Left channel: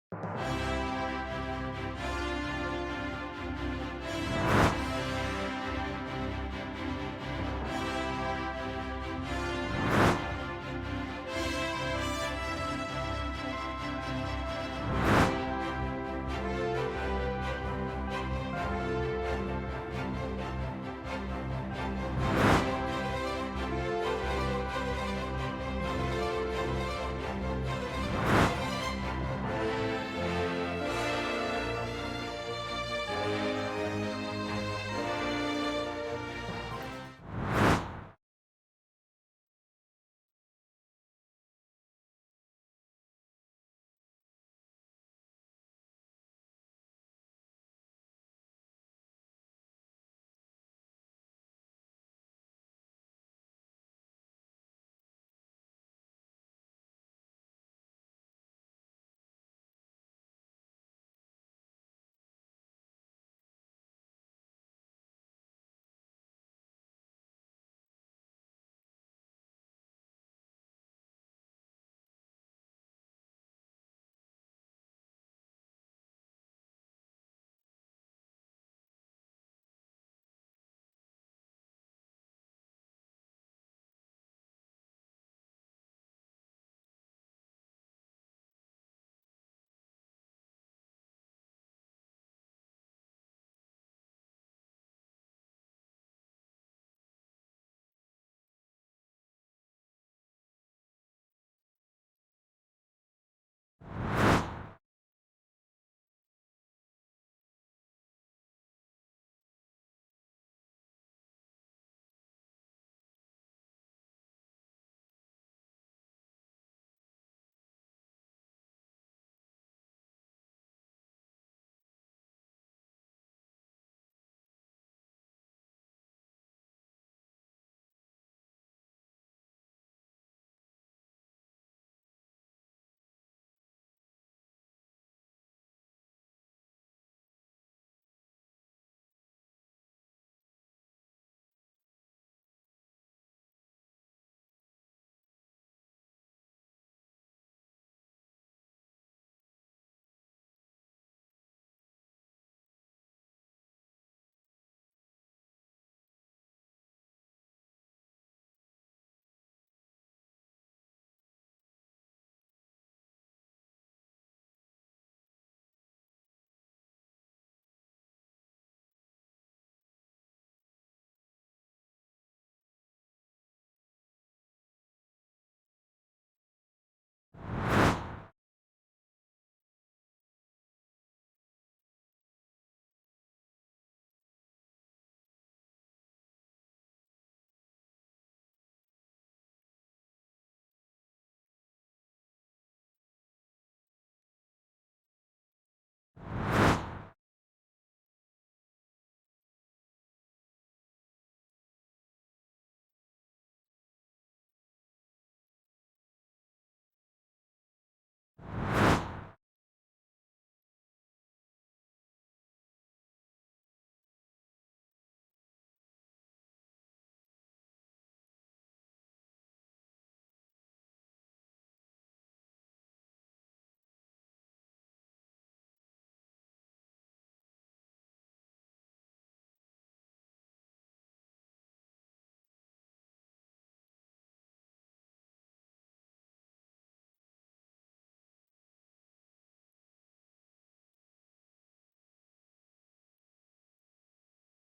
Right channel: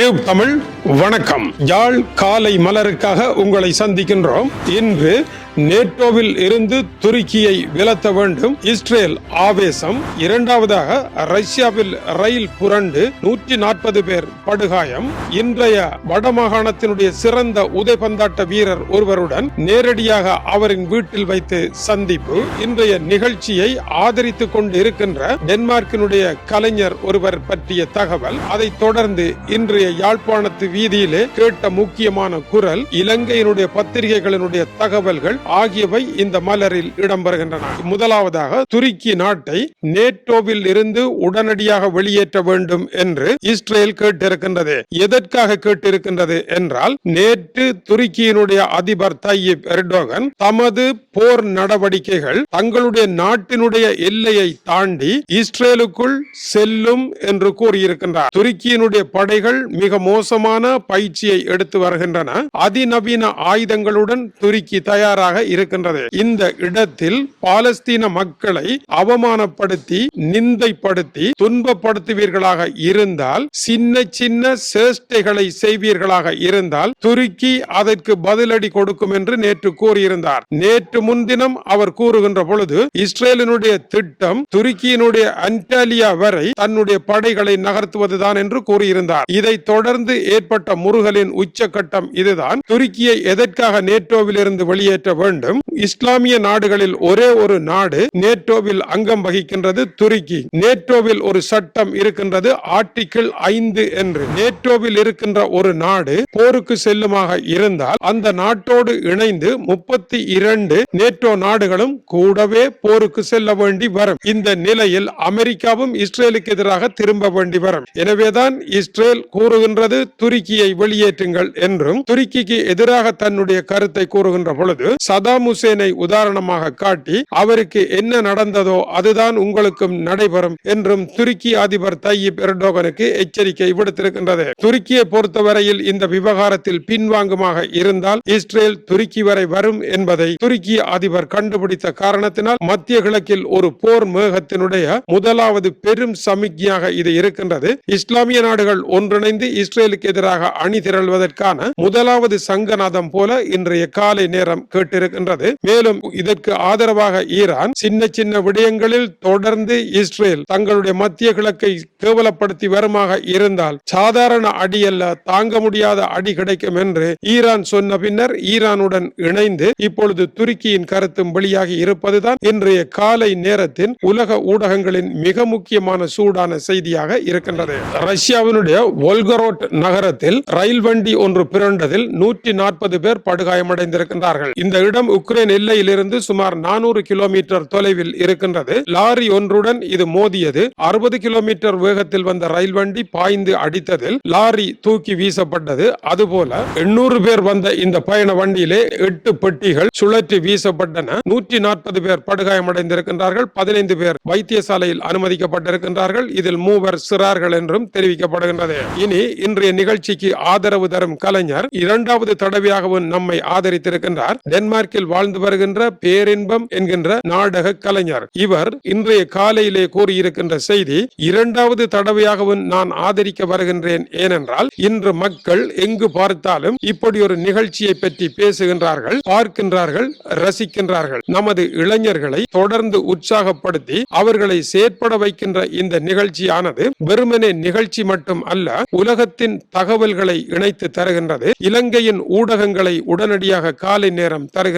Tube Tamil வணக்கம். யாழ் காலை மலருக்காக உங்களை சந்திக்கின்றோம். இன்று நேட்டோவில் இருந்து துருக்கியை விலத்த வேண்டும். இஸ்ரேல் ஆவேசம். இரண்டாவதாக ரஷ்யாவில் ரயில் புரண்டு. நூற்றி நாற்பது பேர் படுகாயம். இன்றைய வடமாகாணத்தினுடைய சிறந்த உதைபந்தாட்ட வீரர் ஒருவருடன் நேரடியாக அவரின் வீட்டில் வைத்து சந்திப்பு. இன்றைய நிகழ்ச்சியை ஆதரித்துக் கொண்டு இருக்கின்ற டென்மார்க்கினுடைய கலைஞர் ஒருவர் பற்றிய தகவல். அதைத் தொடர்ந்து இன்றைய யாழ்ப்பாணத்து வீதியிலே கேட்ட முக்கியமான குரல் இலங்கையினுடைய பத்திரிகைகளினுடைய தகவல்கள் ஆகியவை இந்த மலரில் இடம்பெறுகின்றன. முதலாவதாக துருக்கி நாட்டை நேட்டோவில் இருந்து உடனடியாக வெளியேற்ற வேண்டும் என்று இஸ்ரேல் கேட்டிருக்கின்றது. எதற்காக கேட்டிருக்கின்றது என்றால் நேற்று துருக்கியினுடைய அதிபர் தையிப் எர்டோகன் தமது போர் நடவடிக்கைகள் தங்களுடைய நாட்டினுடைய எல்லையை தாண்டி இஸ்ரேலுக்குள் செல்லும் என்று கூறியிருக்கின்றார். துருக்கியினுடைய படைகள் மிக மோசமான பயிற்சியை எடுத்து வருகின்றன. அதிநவீன ஆயுதங்களுடன் துருக்கி தயாராக இருக்கின்றது. இந்த இடத்தில் பாலஸ்தீன மக்களை அவமானப்படுத்தி நிந்தைப்படுத்தி துன்பப்படுத்துவீர்களாக இருந்தால் சின்ன சின்ன சேஷ்டைகளை செய்வீர்களாக இருந்தால் துருக்கி அதற்கு பதிலடி கொடுக்கும் என்று நேற்று கூறியிருந்தார். நேற்று முன்தினம் அவர் கூறுகின்ற பொழுது இஸ்ரேலினுடைய திட்டம் துருக்கியினுடைய அன்டாலியா வரை தன்னுடைய படைகளை நகர்த்துவதுதான் என்று கூறியிருந்தார். இதை தொடர்ந்து ஏற்பட்ட முருகலின் உச்சகட்டம் இதுதான். துருக்கியை எதற்காக நேட்டோவில் இருந்து வெளியேற்ற வேண்டும். இஸ்லாமிய நாடுகளில் ஒரே ஒரு நாடு நேட்டோவில் அங்கம் வகிக்கின்றது துருக்கி. நேட்டோவில் ஒரு சட்டம் இருக்கின்றது ஆர்டிகிள் ஐந்து என்று. நேட்டோவில் இருக்கின்ற ஒரு நாடு போருக்கு செல்லுமாக இருந்தால் அந்த நாட்டோடு இணைந்து முப்பத்தி இரண்டு நேட்டோ நாடுகளும் கூடவே போருக்கு செல்ல வேண்டி வரும். இந்த நிலையில் அமெரிக்காவும் இஸ்ரேலுக்கு எதிராக திரும்ப வேண்டி வரும். எனவேதான் இஸ்ரேல் கூறுகின்றது துருக்கியை வெளியேற்றுங்கள் என்றும் துருக்கிக்கு எதிராக தன்னுடைய கருத்தை கூறுகின்ற பொழுது சதாம் ஹுசேனை உதாரணமாக காட்டி அவருக்கு என்ன நடந்ததோ அதுதான் உங்களுக்கும் நடைபெறும் என்றும் துருக்கி அதிபர் தையிப் எர்டோகனுக்கு எச்சரிக்கை விடுத்திருக்கின்றது. துருக்கியை பொறுத்தவரையில் இந்த விவகாரத்தில் பின்வாங்குமாக இருந்தால் இஸ்ரேல் துருக்கி வரை வரும் என்பதை துருக்கி அதிபர் கண்டுபிடித்த காரணத்தினால் மத்திய கிழக்கில் ஒரு போர் மேகத்தினுடைய முதலாவது பெரும் சமிக்ஞையாக இது இருக்கின்றது. இஸ்லாமிய நாடுகள் ஒன்றிணைந்து இஸ்ரேலுக்கு எதிராக அணி திரள்வதற்கான முதலாவது சங்கநாதம் போல இன்றைய காலை நேரம் கேட்டு இருக்கின்றது மேலும் இதற்கு ஆதரவாக ஈரான் சின்ன சின்ன விடயங்களில் தொடர்ந்து இஸ்ரேல் தங்களுடைய மத்திய கிழக்கை கேவலப்படுத்தி வருமாக இருந்தால் சாதாரண அடி அல்ல தாங்க முடியாத அடி கிடைக்கும் என்று ஈரான் சொன்ன பின்னர் ஈரானுடன் இணைந்து இப்பொழுது துருக்கியின் கருத்தும் வெளியாகி இருப்பதுதான் இன்றைய காலை நேரத்தின் உலக ஊடகங்களின் மிக முக்கியமான சூடான செய்தியாக இருக்கின்றது. ரஷ்யாவினுடைய ஒல்கரோட் நகரத்தில் ரயில் வண்டி ஒன்று பிறண்டதில் நூற்றி நாற்பது பேர் படுகாயமடைந்திருக்கின்றார்கள். இந்த இடம் உக்ரைன் எல்லையிலிருந்து சுமார் நானூறு கிலோமீட்டர் தொலைவில் இருக்கின்றது. லாரி ஒன்றுடன் இது மோதியது. அறுபது கிலோமீட்டர் வேகத்தில் வந்த ரயில் வண்டி பாய்ந்து அடித்ததில் லாரி தூக்கி வீசப்பட்டது. அதுபோல எண்ணூறு பேர் வந்த இந்த பயண வண்டியிலே எட்டு பெட்டிகள் சுழற்றி வீசப்பட்டன. நூற்றி நாற்பது பேர் படுகாயமடைந்திருக்கின்றார்கள். பதினைந்து பேர் வைத்தியசாலையில் அனுமதிக்கப்பட்டிருக்கின்றார்கள். இதில் மூவர் சிறார்கள் என்றும் தெரிவிக்கப்படுகின்றது. இனி இன்றைய நிகழ்ச்சிக்கு ஆதரவு தரும் கலைஞர் இரண்டாவது தடவையாகவும் நம்மை ஆதரித்திருக்கின்றார். டென்மார்க் டென்மார்க்கில் வாழ்ந்து வருகின்ற பேரின்பம் என்கின்ற நாடக கலைஞர். இவர் இன்றைய காலையிலே கூறியிருக்கின்ற செய்தி இரண்டாவது தடவையாகவும் நான் ஆதரிக்க வருகின்றேன். ஏனென்றால் இன்று மக்கள் எங்கு பார்த்தாலும் இப்படி ஒரு நிகழ்ச்சியை பற்றி பேசுகின்றார்கள் பார்க்கின்றார்கள் ரசிக்கின்றார்கள். நமது இளைஞர்களை தொடர்ந்து உற்சாகப்படுத்தி அவர்களை செயற்பட வைக்கின்ற இந்த நிகழ்ச்சியானது வெறுமனே நிகழ்ச்சி மட்டும் அல்ல உலகத்தின் தகவல்களை இணைத்து தருகின்றது. இலங்கையின் ஊடகங்களை உடனடியாக காலை நேரம் தருகின்றது.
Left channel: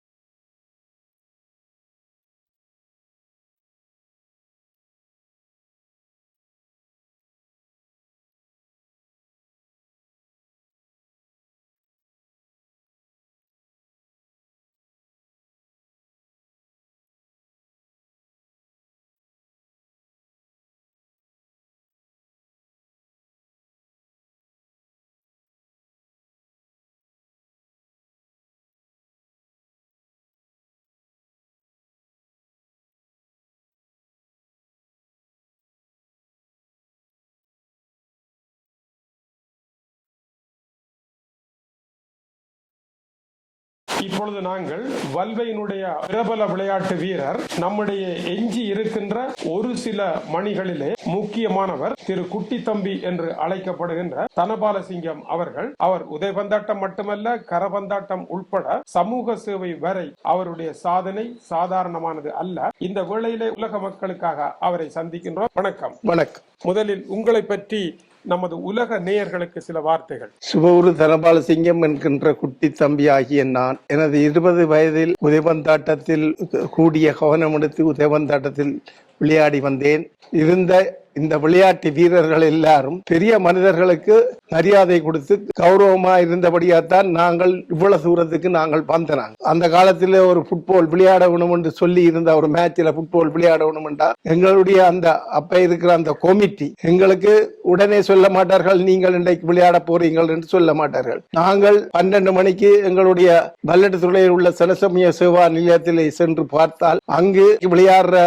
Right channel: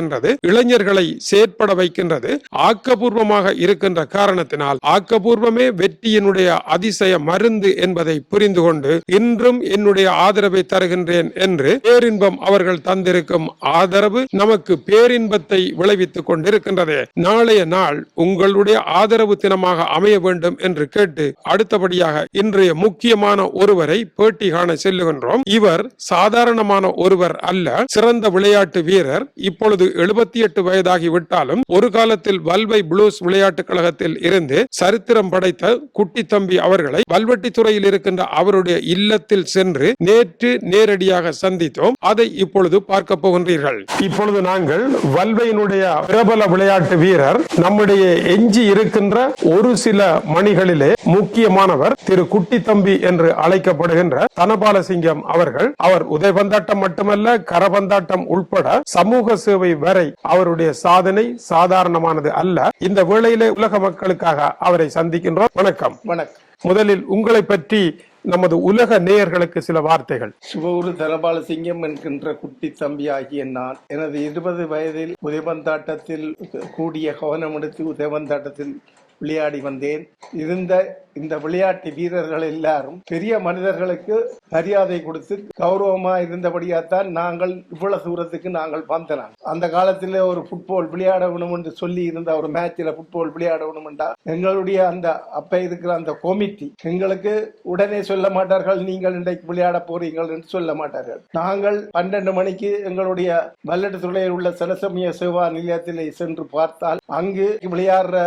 இளைஞர்களை செயற்பட வைக்கின்றது ஆக்கபூர்வமாக இருக்கின்ற காரணத்தினால் ஆக்கபூர்வமே வெற்றியினுடைய அதிசய மருந்து என்பதை புரிந்து கொண்டு இன்றும் என்னுடைய ஆதரவை தருகின்றேன் என்று பேரின்பம் அவர்கள் தந்திருக்கும் ஆதரவு நமக்கு பேரின்பத்தை விளைவித்துக் கொண்டிருக்கின்றது. நாளைய நாள் உங்களுடைய ஆதரவு தினமாக அமைய வேண்டும் என்று கேட்டு அடுத்தபடியாக இன்றைய முக்கியமான ஒருவரை பேட்டி காண செல்லுகின்றோம். இவர் சாதாரணமான ஒருவர் அல்ல சிறந்த விளையாட்டு வீரர். இப்பொழுது இப்பொழுது எழுபத்தி எட்டு வயதாகிவிட்டாலும் ஒரு காலத்தில் வல்வை புளூஸ் விளையாட்டுக் கழகத்தில் இருந்து சரித்திரம் படைத்த குட்டி தம்பி அவர்களை வல்வெட்டித்துறையில் இருக்கின்ற அவருடைய இல்லத்தில் சென்று நேற்று நேரடியாக சந்தித்தோம். அதை இப்பொழுது பார்க்க போகின்றீர்கள். இப்பொழுது நாங்கள் வல்வையினுடைய பிரபல விளையாட்டு வீரர் நம்முடைய எஞ்சி இருக்கின்ற ஒரு சில மணிகளிலே முக்கியமானவர் திரு குட்டி தம்பி என்று அழைக்கப்படுகின்ற தனபாலசிங்கம் அவர்கள். அவர் உதைபந்தாட்டம் மட்டுமல்ல கரபந்தாட்டம் உட்பட சமூக சேவை வரை அவருடைய சாதனை சாதாரணமானது அல்ல. இந்த வேளையிலே உலக மக்களுக்காக அவரை சந்திக்கின்றோம். வணக்கம். வணக்கம். முதலில் உங்களை பற்றி நமது உலக நேயர்களுக்கு சில வார்த்தைகள். சுபகுரு தனபாலசிங்கம் என்கின்ற குட்டி தம்பி ஆகிய நான் எனது இருபது வயதில் உதைபந்தாட்டத்தில் கூடிய கவனம் எடுத்து உதைபந்தாட்டத்தில் விளையாடி வந்தேன். இருந்த இந்த விளையாட்டு வீரர்கள் எல்லாரும் பெரிய மனிதர்களுக்கு மரியாதை கொடுத்து கௌரவமா இருந்தபடியாத்தான் நாங்கள் இவ்வளவு தூரத்துக்கு நாங்கள் வந்தனாங்க. அந்த காலத்துல ஒரு ஃபுட்பால் விளையாடணும் என்று சொல்லி இருந்த ஒரு மேட்ச்ல ஃபுட்பால் விளையாட என்றா எங்களுடைய அந்த அப்ப இருக்கிற அந்த கமிட்டி எங்களுக்கு உடனே சொல்ல மாட்டார்கள் நீங்கள் இன்றைக்கு விளையாட போறீங்கள் என்று சொல்ல மாட்டார்கள். நாங்கள் பன்னெண்டு மணிக்கு எங்களுடைய வல்லட்டு துறையில் உள்ள சனசமய சேவா நிலையத்தில் சென்று பார்த்தால் அங்கு விளையாடுற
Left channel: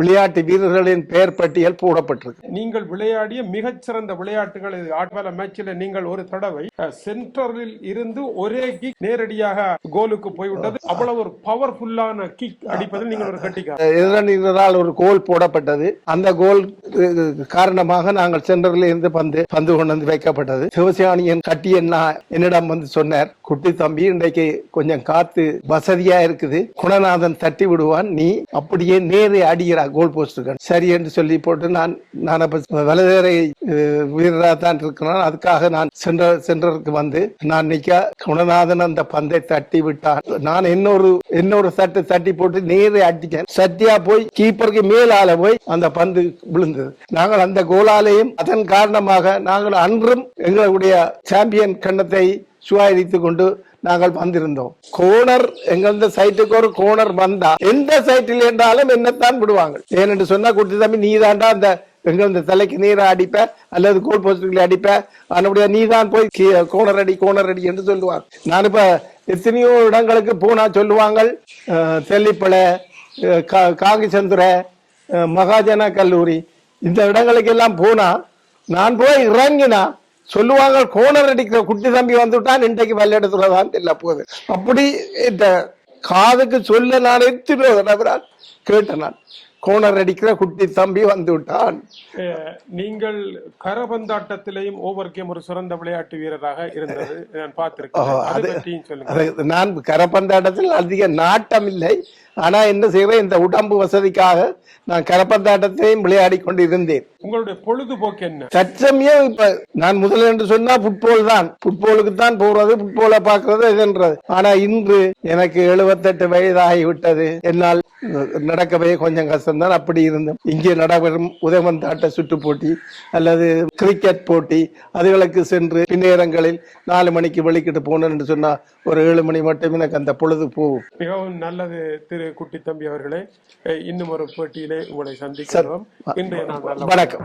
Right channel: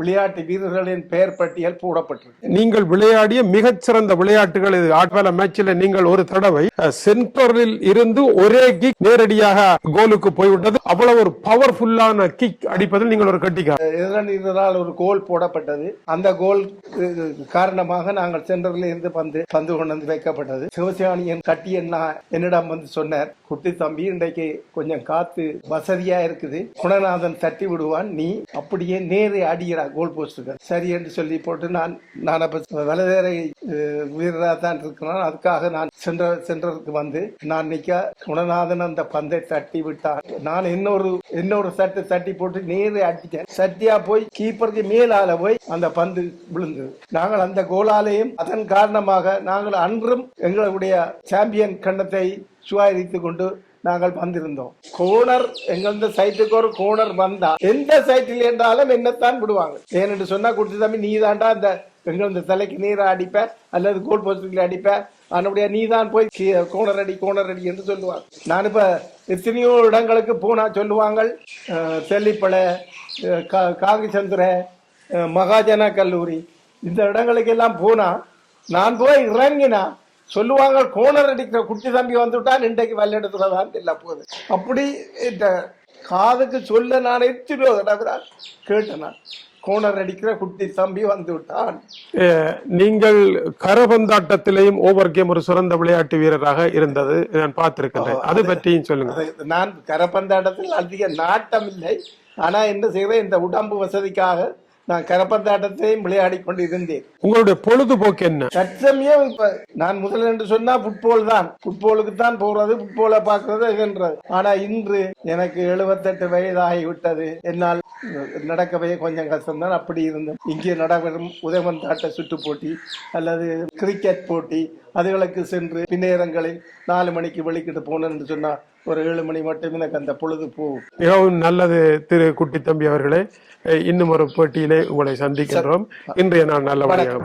விளையாட்டு வீரர்களின் பெயர் பட்டியல் போடப்பட்டிருக்கு. நீங்கள் விளையாடிய மிகச்சிறந்த விளையாட்டுகள் இது. ஆட்வேல மேட்சில் நீங்கள் ஒரு தடவை சென்டரில் இருந்து ஒரே கிக் நேரடியாக கோலுக்கு போய்விட்டது. அவ்வளவு ஒரு பவர்ஃபுல்லான கிக் அடிப்பதில் நீங்கள் ஒரு கட்டிக்கார. ஒரு கோல் போடப்பட்டது. அந்த கோல் காரணமாக நாங்கள் சென்டரில் இருந்து பந்து பந்து கொண்டு வந்து வைக்கப்பட்டது. சிவசியானியன் கட்டி என்ன என்னிடம் வந்து சொன்னார் குட்டி தம்பி இன்றைக்கு கொஞ்சம் காத்து வசதியா இருக்குது. குணநாதன் தட்டி விடுவான். நீ அப்படியே நேரே அடிக்கிறா கோல் போஸ்டுக்கு சரி என்று சொல்லி போட்டு நான் நான் அப்ப வலதேரை வீரராக தான் இருக்கிறேன். அதுக்காக நான் சென்ற சென்றதுக்கு வந்து நான் நிக்க குணநாதன் அந்த பந்தை தட்டி விட்டான். நான் இன்னொரு இன்னொரு சட்டை தட்டி போட்டு நேரே அடிச்சேன் சட்டியா போய் கீப்பருக்கு மேலால போய் அந்த பந்து விழுந்தது. நாங்கள் அந்த கோலாலையும் அதன் காரணமாக நாங்கள் அன்றும் எங்களுடைய சாம்பியன் கண்ணத்தை சுவாரித்துக் கொண்டு நாங்கள் வந்திருந்தோம். கோணர் எங்களது சைட்டுக்கு ஒரு கோணர் வந்தா எந்த சைட்டில் என்றாலும் என்னத்தான் விடுவாங்க. ஏனென்று சொன்னா குடுத்து தம்பி நீ தாண்டா அந்த எங்களது தலைக்கு நீரை அடிப்ப அல்லது கோல் போஸ்டுகளை அடிப்ப அதனுடைய நீ தான் போய் கோணர் அடி கோணர் அடி என்று சொல்லுவாங்க. நான் இப்ப எத்தனையோ இடங்களுக்கு போனா சொல்லுவாங்க அஹ், தெல்லிப்பளை கா- மகாஜன கல்லூரி இந்த இடங்களுக்கெல்லாம் போனா நான் போய் இறங்கினா சொல்லுவாங்க கோணர் அடிக்கிற குட்டி தம்பி வந்துட்டான் இன்றைக்கு விளையாடுறதுல தான் இல்ல போகுது அப்படி இந்த காதுக்கு சொல்ல நான் எத்தனையோ தடவை கேட்டேன் நான். கோணர் அடிக்கிற குட்டி தம்பி வந்து விட்டான் நீங்கள் கரபந்தாட்டத்திலேயும் ஓவர் கேம் ஒரு சிறந்த விளையாட்டு வீரராக இருந்தது நான் பார்த்திருக்கிறேன். அதை பற்றியும் சொல்லுங்க நான் கரப்பந்தாட்டத்தில் அதிக நாட்டம் இல்லை. ஆனா என்ன செய்வேன் இந்த உடம்பு வசதிக்காக நான் கரப்பந்தாட்டத்தையும் விளையாடி கொண்டு இருந்தேன் உங்களுடைய பொழுதுபோக்கு என்ன? தற்சமயம் இப்ப நான் முதல்ல என்று சொன்னா புட்பால் தான். புட்பாலுக்கு தான் போறது புட்பாலை பாக்குறது இதுன்றது ஆனா இன்று எனக்கு 78 வயது ஆகிவிட்டது என்னால் நடக்கவே கொஞ்சம் கஷ்டம்தான். அப்படி இருந்தேன். இங்கே நடைபெறும் உதயமந்தாட்ட சுற்று போட்டி அல்லது கிரிக்கெட் போட்டி அதுகளுக்கு சென்று பின்னேரங்களில் நாலு மணிக்கு வெளிக்கிட்டு போனேன் என்று சொன்னா ஒரு ஏழு மணி மட்டும் எனக்கு அந்த பொழுது போகும் மிகவும் நல்லது திரு குட்டி தம்பி அவர்களே இன்னும் ஒரு போட்டியிலே உங்களை சந்திக்கின்றோம். இன்றைய நாள் நல்ல வணக்கம்.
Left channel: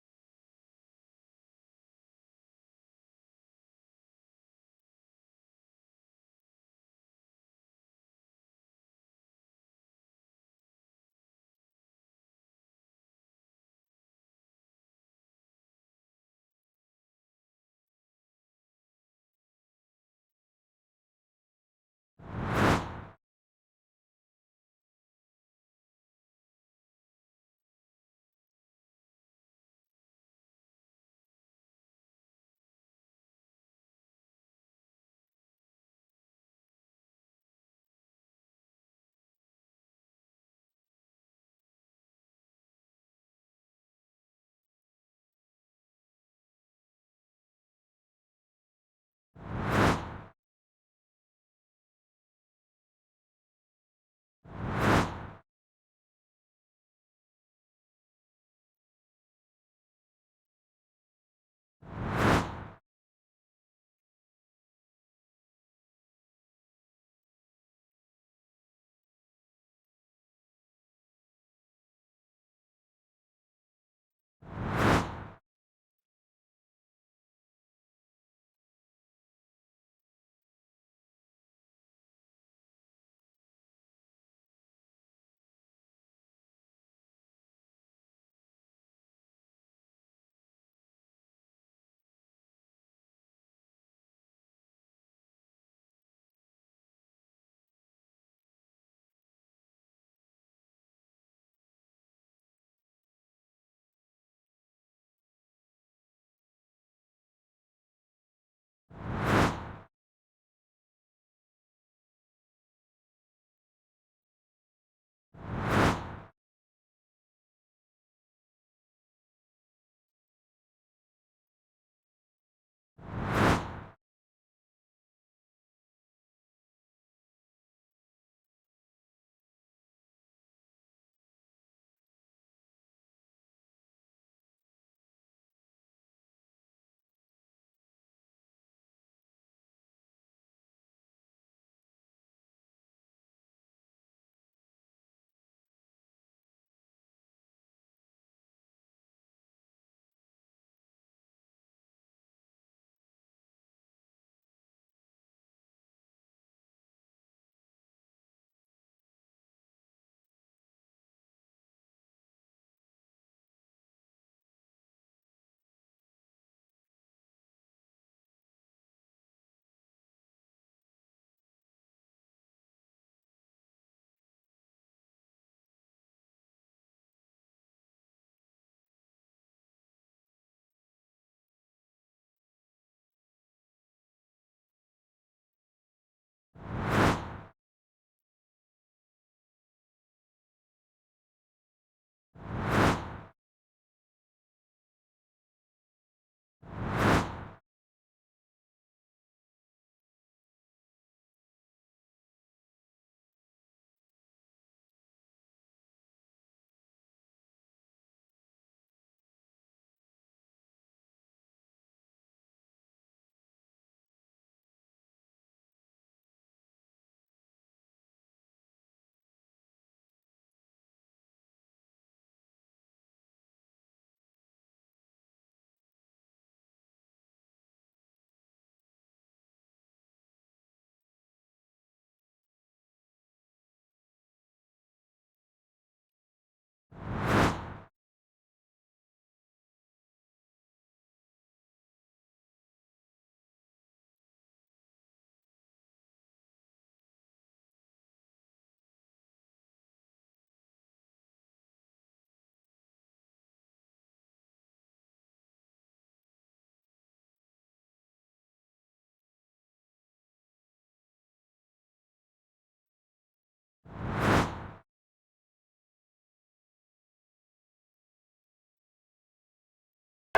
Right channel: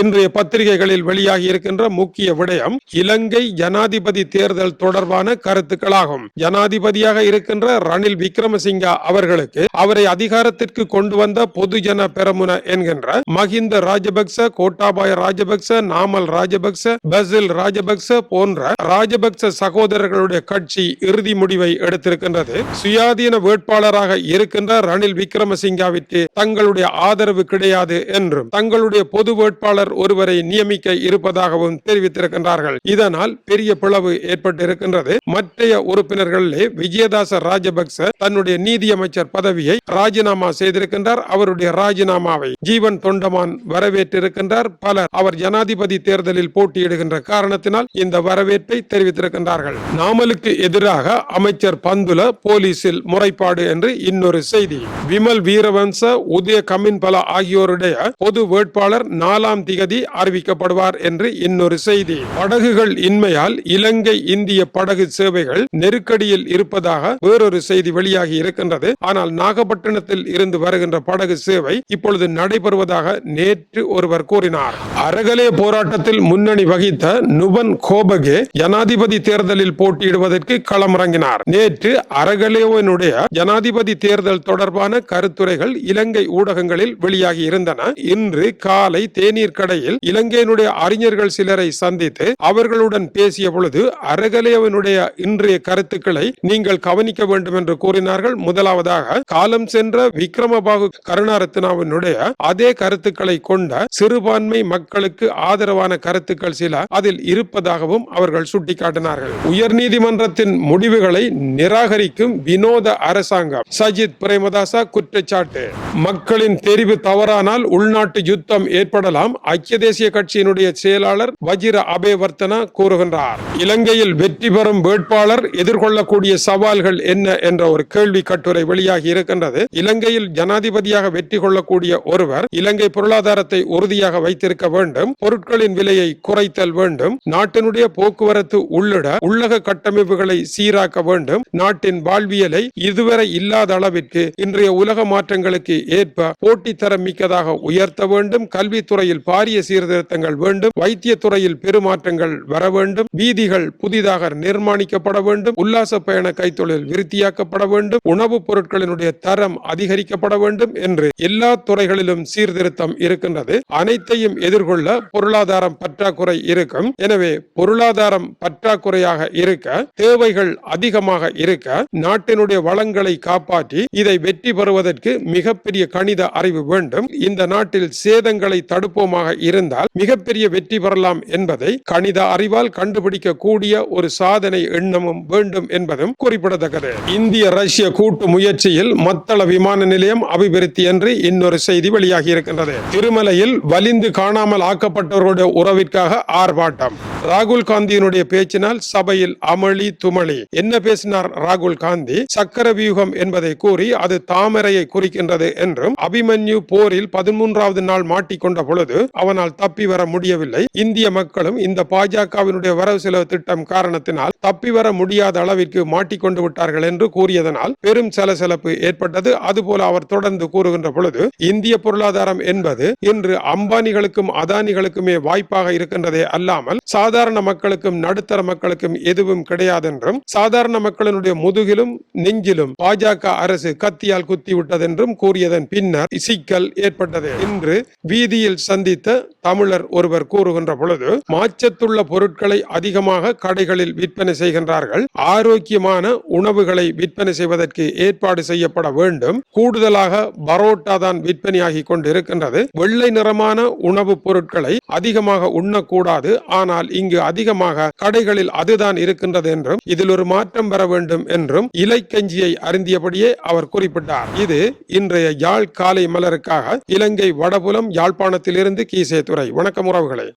இன்றைய பத்திரிகைகளில் வெளியாகி இருக்கின்ற முக்கிய விடயம் இலங்கை ஜனாதிபதி தேர்தல் தொடர்பான கருத்துக்களாகும். ஜனாதிபதியாக இருக்கின்ற ரணில் விக்ரமசிங்கா அவர்களுக்கு அவரை அதிகாரத்திற்கு கொண்டு வந்த பொதுஜன பெரமுன என்கின்ற மஹிந்த ராஜபக்ச கோட்டாபாய ராஜபக்ச நாமல் ராஜபக்ச பசில் ராஜபக்ச போன்ற ராஜபக்ச சகோதரர்களுடைய கட்சி இறுதி முடிவை எடுத்திருக்கின்றது. சுயாதீன வேட்பாளராக இருக்கின்ற ரணில் விக்ரமசிங்காவிற்கு தங்களுடைய ஆதரவு கிடையாது என்றும் தங்களுடைய பொது வேட்பாளர் ஒருவரை நியமிக்க இருப்பதாகவும் தெரிவித்திருக்கின்றார்கள். இதனால் பெரிய பிளவு ஏற்பட்டிருக்கின்றது. மற்றைய உறுப்பினர்களிலே விஜயதாச ராஜபக்ச தன்னுடைய நீதியமைச்சர் பதவியை ராஜினாமா செய்திருக்கின்றார். அவருடைய ராஜினாமாவை ஜீவன் தொண்டமான் வரவேற்றிருக்கின்றார். பலர் அவர் ஜனாதிபதி தேர்தலில் போட்டியிடுகின்ற காரணத்தினால் இந்த வரவேற்பை தெரிவித்திருக்கின்றார்கள். நாமலுக்கு எதிராக அமைச்சர் பந்துல போலீசில் முறைப்பாடு என்று இன்னொரு செய்தி. விமல் வீரவன்ச உதய கமின்பல ஆகியோருடைய பொது வேட்பாளர் நாலாம் திகதி அறிவிக்கப்படுவார் என்று இன்னொரு செய்தி. படகுகள் இன்மையால் இலங்கை இந்திய படகு சேவைகள் நெருக்கடியில் இருப்பதாக வேறொரு செய்தி வெளியாகி இருக்கின்றது. ஆனால் நாகப்பட்டினத்தில் இருந்து வருகின்ற படகு சேவை இப்பொழுது நடைபெறுவதாக நேற்று ஒருவர் கூறினார். அரகலே போராட்டத்தில் முன்னணி வகித்த நுபன் கோபகே ஜனாதிபதி தேர்தலில் போட்டியிடுவதற்கு களமிறங்கினார். நேற்று அரகலேவனுடைய ஜனாதிபதி தேர்தல் தொடர்பான கருத்துரைகள் இலங்கை ஊடகங்களில் வெளியாகி இருந்தன. இன்று காலை தேநீர் கடையில் இலங்கையினுடைய அறிஞர்கள் சிலரை சந்தித்து அவர்களுடன் பேசிய பொழுது அறகலேவனுடைய இன்றைய கருத்துக்களை நீங்கள் கவனிக்க வேண்டும் என்று கூறினார்கள். முதலாவதாக காலம் சென்ற விக்ரமபாகு கருணாரத்னாவினுடைய அதே கருத்துக்களை கொண்ட சிறுபான்மை மக்களுக்கு ஆதரவான கருத்துக்கள் சில அதில் இருப்பதாகவும் அவர்கள் சுட்டிக்காட்டினார்கள். உயர்நீதிமன்றத்தின் முடிவுகளை நிராகரிக்கும் வினோத அரசாங்கம் சஜித் பிரேமதாசா குற்றச்சாட்டு. மக்களின் தெரிவு தவறானால் உள்நாட்டு யுத்தம் ஏற்படலாம். ஐக்கிய தேசிய கட்சியினுடைய செயலாளர் வஜிர அபேவர்த்தனா கூறுகின்றார். இலங்கையில் வெற்றி பெறும் வேட்பாளர் எதிர்கொள்ளக்கூடிய சவால்கள் என்ன என்ற ஒரு கேள்வி கட்டுரை வெளியாகி இருக்கின்றது. இலங்கையில் ஜனாதிபதியாக வெற்றி கொள்ளக்கூடிய ஒருவர் இலங்கை பொருளாதாரத்தை உறுதியாக வைத்திருக்க வேண்டும். பொருட்களின் விலையை குறைத்தல் வேண்டும். நாட்டினுடைய போக்குவரத்து உள்ளிட உள்ளக கட்டமைப்புகளை சீராக்க வேண்டும். நாட்டின் வாழ்வியலை இதுவரை இல்லாத அளவிற்கு இன்றைய உலக மாற்றங்களுக்கு ஏற்ப போட்டித்தரம் மிக்கதாக உயர்த்த வேண்டும். கல்வித்துறையில் காரிய சீர்திருத்தங்கள் வேண்டும். வைத்திய துறையில் பெருமாற்றங்கள் வர வேண்டும். வீதிகள் புதிதாக நிர்மாணிக்கப்பட வேண்டும். உல்லாச பயண கைத்தொழில் விருத்தியாக்கப்பட வேண்டும். உணவுப் பொருட்களினுடைய தரம் அதிகரிக்கப்பட வேண்டும் என்று எல்லா துறைகளிலும் சீர்திருத்தம் இருக்கின்றது. அனைத்தையும் எதிர்கொள்ள பொருளாதாரம் பற்றாக்குறை இருக்கும். எனவே பொருளாதாரம் பற்றாக்குறையாக இருக்க தேவைகள் அதிகமாக இருக்க நாட்டினுடைய வளங்களை காப்பாற்றி இதை வெற்றி பெறுவதற்கு மிகப்பெரிய கணித அறிவு வேண்டும். இந்த நாட்டில் சேதங்களை தடுப்போமாக இருந்தால் மிகப்பெரிய வெற்றி பெறலாம் என்பதை கணித அறிவால் கண்டுபிடிக்க கூடிய ஒரு சாதனை எண்ணமும் வேண்டும் என்பதும் குறிப்பிடத்தக்கது. இந்திய ரஷ்ய கூட்டு முயற்சியில் மத்தள விமான நிலையம் அபிவிருத்தி என்று இன்னொரு செய்தி வெளியாகி இருக்கின்றது. திருமலையில் வலிந்து காணாமல் ஆக்கப்பட்டவர்களுடைய உறவிற்காக ஆர்ப்பாட்டம். ராகுல் காந்தியினுடைய பேச்சினால் சபையில் அமளி துமளி. என்ன பேசினார் ராகுல் காந்தி? சக்கர வியூகம் என்பதை கூறி அது தாமரையை குறிக்கின்றது என்றும் அபிமன்யு போரில் பதிமூன்றாவது நாள் மாட்டிக்கொண்ட பொழுது அவனால் தப்பி வர முடியவில்லை. இந்திய மக்களும் இந்த பாஜகவினுடைய வரவு செலவு திட்டம் காரணத்தினால் தப்பி வர முடியாத அளவிற்கு மாட்டிக்கொண்டு விட்டார்கள் என்று கூறியதனால் பெரும் சலசலப்பு ஏற்பட்டது. அதுபோல அவர் தொடர்ந்து கூறுகின்ற பொழுது இந்திய பொருளாதாரம் என்பது இன்று அம்பானிகளுக்கும் அதானிகளுக்குமே வாய்ப்பாக இருக்கின்றதே அல்லாமல் சாதாரண மக்களுக்கும் நடுத்தர மக்களுக்கும் எதுவும் கிடையாது என்றும் சாதாரண மக்களினுடைய முதுகிலும் நெஞ்சிலும் பாஜக அரசு கத்தியால் குத்தி விட்டதென்றும் கூறியதன் பின்னர் சிக்கல் ஏற்பட்டது. இன்று வீதியில் சந்தித்த தமிழர் ஒருவர் கூறுகின்ற பொழுது மாச்சத்துள்ள பொருட்களை அதிகமாக கடைகளில் விற்பனை விற்பனை செய்கின்றார்கள். ஆரோக்கியமான உணவுகளை விற்பனை செய்வதற்கு ஏற்பாடு செய்யப்பட வேண்டும். கூடுதலாக பரோட்டா தான் விற்பனையாகி கொண்டிருக்கின்றது. வெள்ளை நிறமான உணவுப் பொருட்களை அதிகமாக உண்ணக்கூடாது. ஆனால் இங்கு அதிகமாக கடைகளில் அதுதான் இருக்கின்றது என்றும் இதில் ஒரு மாற்றம் வர வேண்டும் என்றும் இலைக்கஞ்சியை அருந்தியபடியே அவர் குறிப்பிட்டார். இது இன்றைய யாழ் காலை மலருக்காக இலங்கை வடபுலம் யாழ்ப்பாணத்திலிருந்து கீசே துறை வணக்கம் உறவுகளை.